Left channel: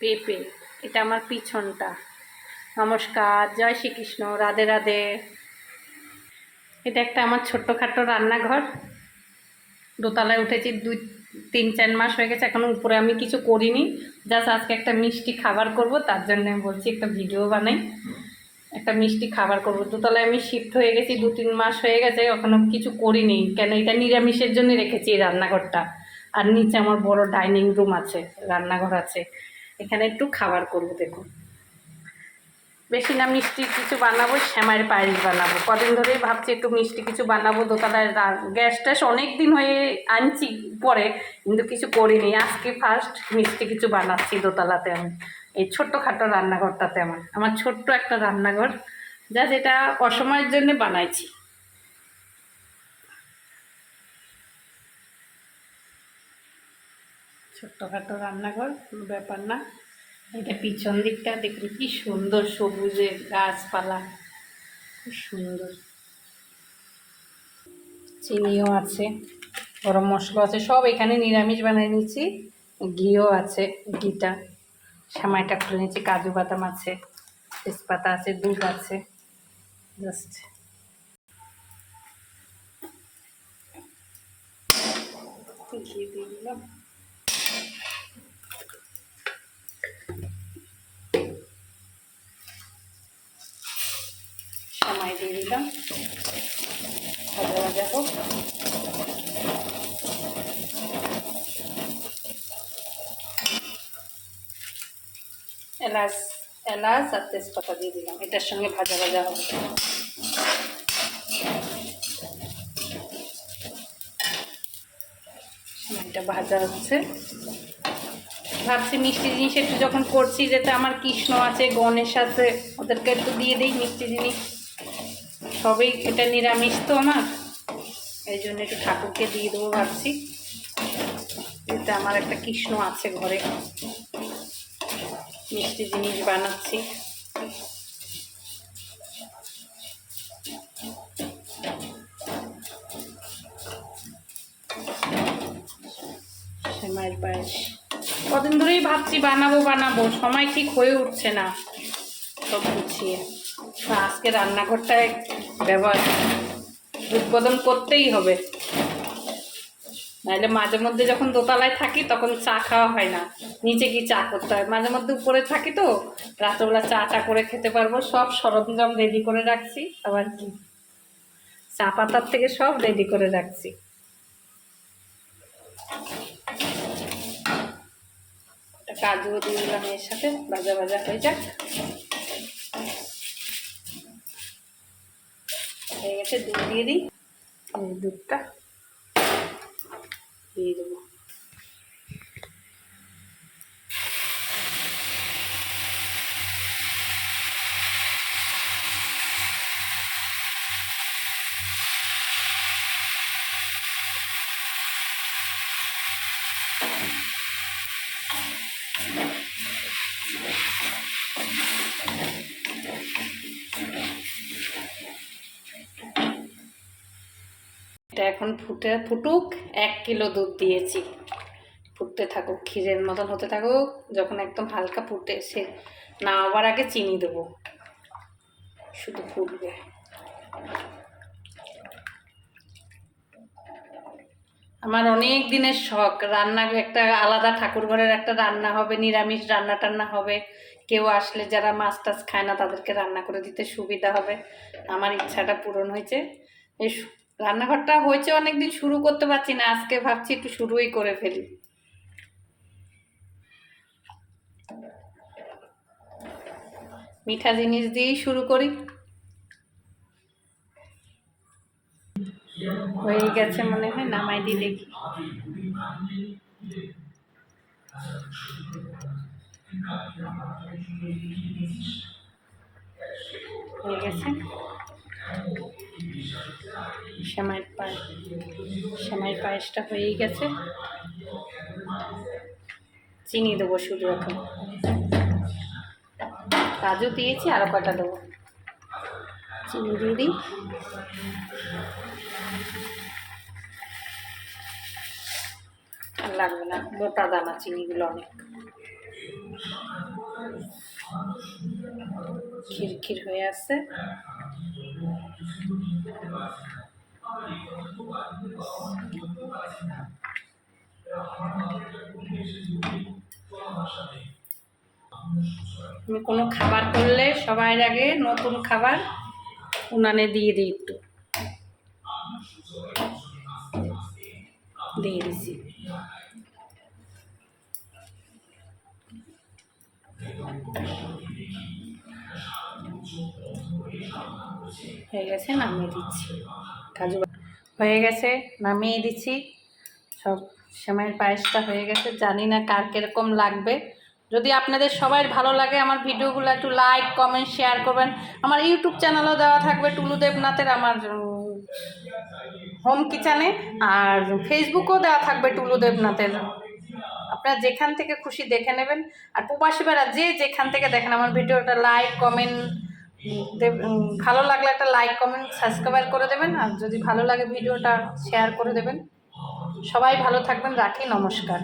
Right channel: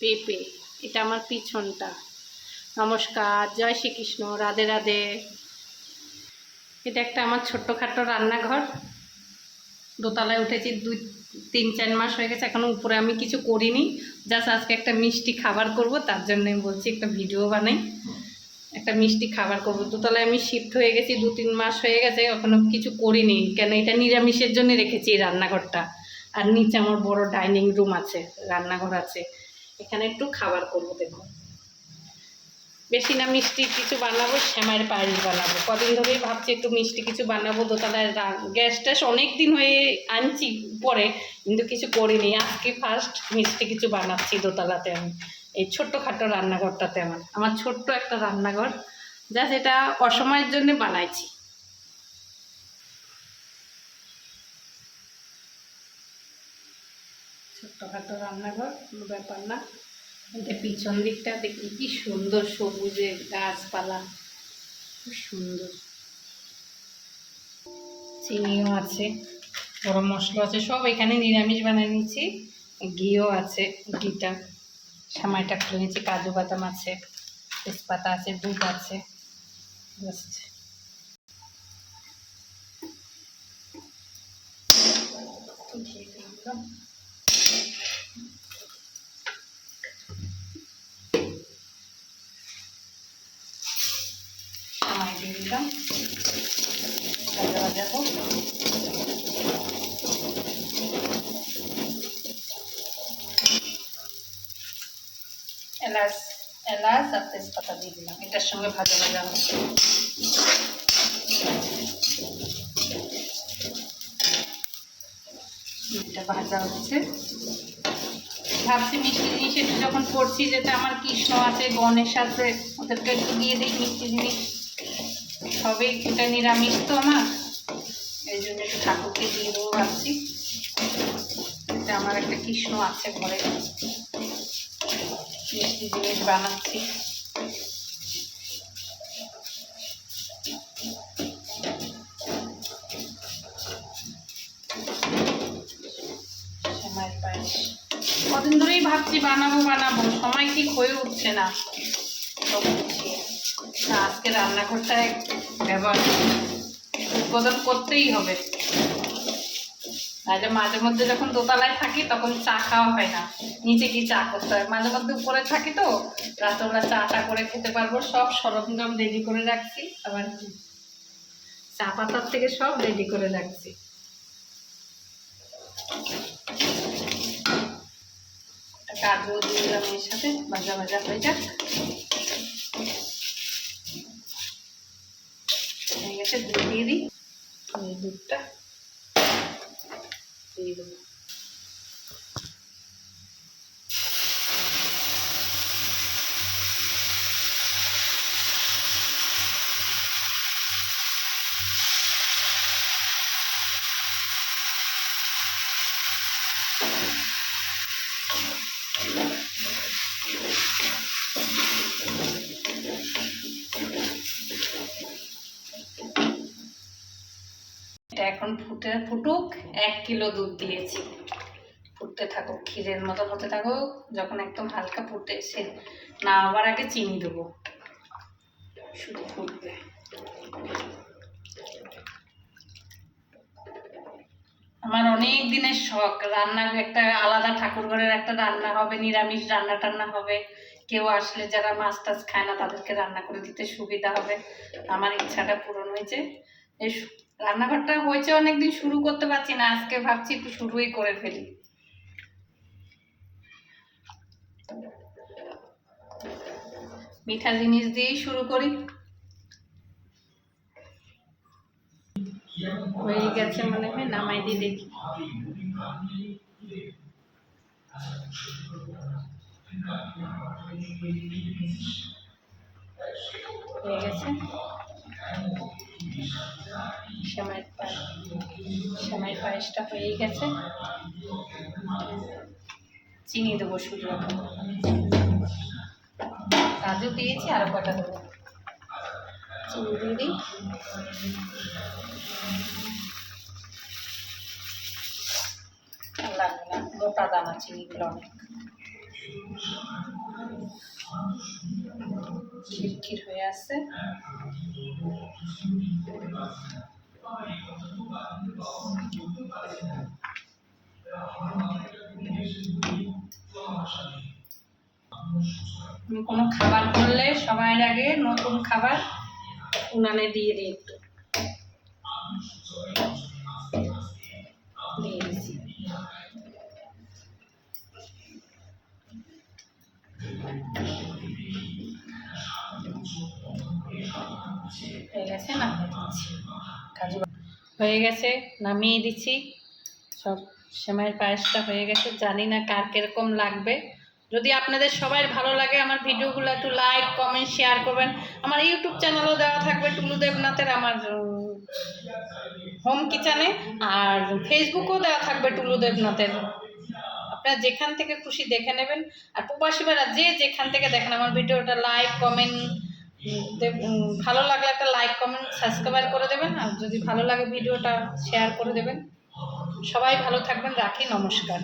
পেঁপে, এটা আমার পিছনটা। নমস্কার, জয় শ্রীকৃষ্ণ, রাধে রাধে। এটা একটা আমার ছোট্টখাটো রান্নাঘর। দোতলায় উঠেছি 2-3-4 মাস হয়ে গেছে, এখনও উপরে আমি কিছু করিনি। জাস্ট আজকে একটা মিষ্টি খাবার করব, তার জন্য আমি বলছি একটা ভিডিও বানাই। একটা মিষ্টি খাবার করব। দোতলায় আমি শিফট হয়ে গেছি, 2-3 মাস হয়ে গেছে, এখনও কিছু করিনি। কেন, এটা নিরামিষের জন্য রেখেছি এই রান্নাঘরটা। আর নিচে আমার বড় ডাইনিং রুম আছে, রান্নাঘর আছে, এখানে একটু খাবার করব। দেখুন, বেশি না মিষ্টি কিছু বানাবো, শ্যামাইয়ের পায়েস বানাবো। কদিন ধরেই ভাবছি একটু মিষ্টি কিছু বানাবো। দোতলায় গ্যাস ট্যাস অনেক দিন হয়ে আনছি পরে, কিন্তু কিছু করিনি। আজকে ফার্স্ট মিষ্টি কিছু বানাচ্ছি দোতলাতে আমি, এই ছোট্টখাটো রান্নাঘরটাতে। আমার ছোট্ট একটা রান্নাঘর, যেটা অসময়ের জন্য বানাইছি। ছোট্টখাটো রান্নাঘর, কোনো ব্যাপার না। এটা পিছন দিকটা দেখুন কি সুন্দর, সবুজে গাছপালা, খুব সুন্দর। চিনিও আছে, গরম মশলা আছে, সব এখানে নিরামিষ বানিয়ে নিচ্ছি। ঘিও আছে, ঘিটা সেমাইটা খুলে নিচ্ছি, কাজু বাদাম আছে, তেজপাতা আছে, দুধ আছে। জাস্ট ঘি দিয়ে দিলাম, সেমাই দিয়ে দিলাম, ভাজা ভাজা হোক। এলাচ এলাচ আর তেজপাতা দিয়ে দিলাম, এটার সঙ্গে ভাজা ভাজা হবে। এটা ভাজা হচ্ছে। ভাবছি মিষ্টি জিনিস একটু যখন করছি, যেটা আমার কৃষ্ণ আছে, গণেশ আছে, ওদেরকে একটু দিয়ে দিই মিষ্টি জিনিস। সবই এটা নিরামিষ তো আমার, এই জন্য একটু ঠাকুরকে দিয়ে দেবো ভাবছি। এটা আমার একটা কৃষ্ণ আছে ঘরে, মিষ্টি জিনিস বানাচ্ছি। সেমাইয়ের পায়েস কদিন ধরেই ভাবছি বানাবো, সময় ঠিক হয়ে উঠছে না সব গুছিয়ে। আজকে রান্নাঘরটায় উদ্বোধন করতেই হবে, নাহলে মাঝে মধ্যে যখন দোতলায় থাকি তখন চা খাওয়া হয় না, নিচে কি চা করতে হয়। মাঝে মধ্যে উপরে থাকি তো, রাতবেলা চাটা করে খেতে পারবো। সব সরঞ্জাম রেডি করে রাখছি, আবার কি চা পাতার থেকে সব রেডি করে রাখছি। কাজুও দিয়ে দিলাম এর সাথে, ভাজা ভাজা হয়ে যাক। হয়ে গেছে, দুধ দিয়ে দিই। এই দুধটা দিয়ে দেবো। এটা এখন ফুটুক। 1 কিলো দুধ দিয়েছি, ফুটতে থাকুক, ক্ষীরের মতন হতে থাকুক। যখন একদম হালকা ফুটে সে না হবার আগে চিনি দেবো, শুধু ফুটবে। আমার অনেক দিনের শখ, রান্নার একটা আলাদা, ঠাকুর ঘরের একটা রান্না হবে, নিরামিষ রান্না টান্না হবে। কেউ আসলে যারা মাছ টাছ খায় না তাদেরকে রান্না করে দিতে সুবিধা হবে। আমার ইচ্ছাটা পূরণ হয়েছে। এই রান্নাঘরটা হয়েছে অনেকদিন, শুরু করতে পারছি না, আজকে ভাবছি একটু শুরুই করে ফেলি। মিঠা জিনিস দিয়েই শুরু করি। হয়ে গেছে মনে হয়, নামাই দিয়ে দেখি। হয়ে গেছে সেমাইয়ের পায়েসটা হয়েই গেছে। চিনি দেবো শুধু এখন, কাজু দিয়েছি, আরো কয়টা দেবো। চিনি দিয়ে দিই। লাগবে না, গোটা দানা চিনিগুলো অনেক। খিরখির হয়ে আছে। আমি কোনো খাবার করলে সবার আগে নতুন খাবার উনানে দিয়ে দিই, একটু দিয়ে দিছি। হয়ে গেছে, নামিয়ে দিচ্ছি। কাজু হয়ে গেছে, নামিয়ে দিচ্ছি। সব সেমাইয়ের পায়েসটা হয়ে গেছে। জানি না কার কীরকম লাগবে। যদি আপনাদের সবাই ভালো লাগে আমার ভিডিওগুলো একটু লাইক কমেন্ট শেয়ার করবেন। আমার ইউটিউব চ্যানেলও দেওয়া থাকবে টুলু দেবনাথের, আমার হোম কিচেনে, আর ফেসবুকও দেওয়া থাকবে টুলু দেবনাথের। আপনারা যেখান থেকে খুশি দেখে নেবেন। আর প্রবাসী ভাইরা যে যেখান থেকে দেখেন আমার ভিডিওটা লাইক কমেন্ট ভালো লাগলে একটা লাইক কমেন্ট সাবস্ক্রাইব করে দেবেন। আর যদি ভালো লাগে ভিডিওটা শেয়ার করে দেবেন। সবাই ভালো থাকবেন, রাখি, নমস্কার।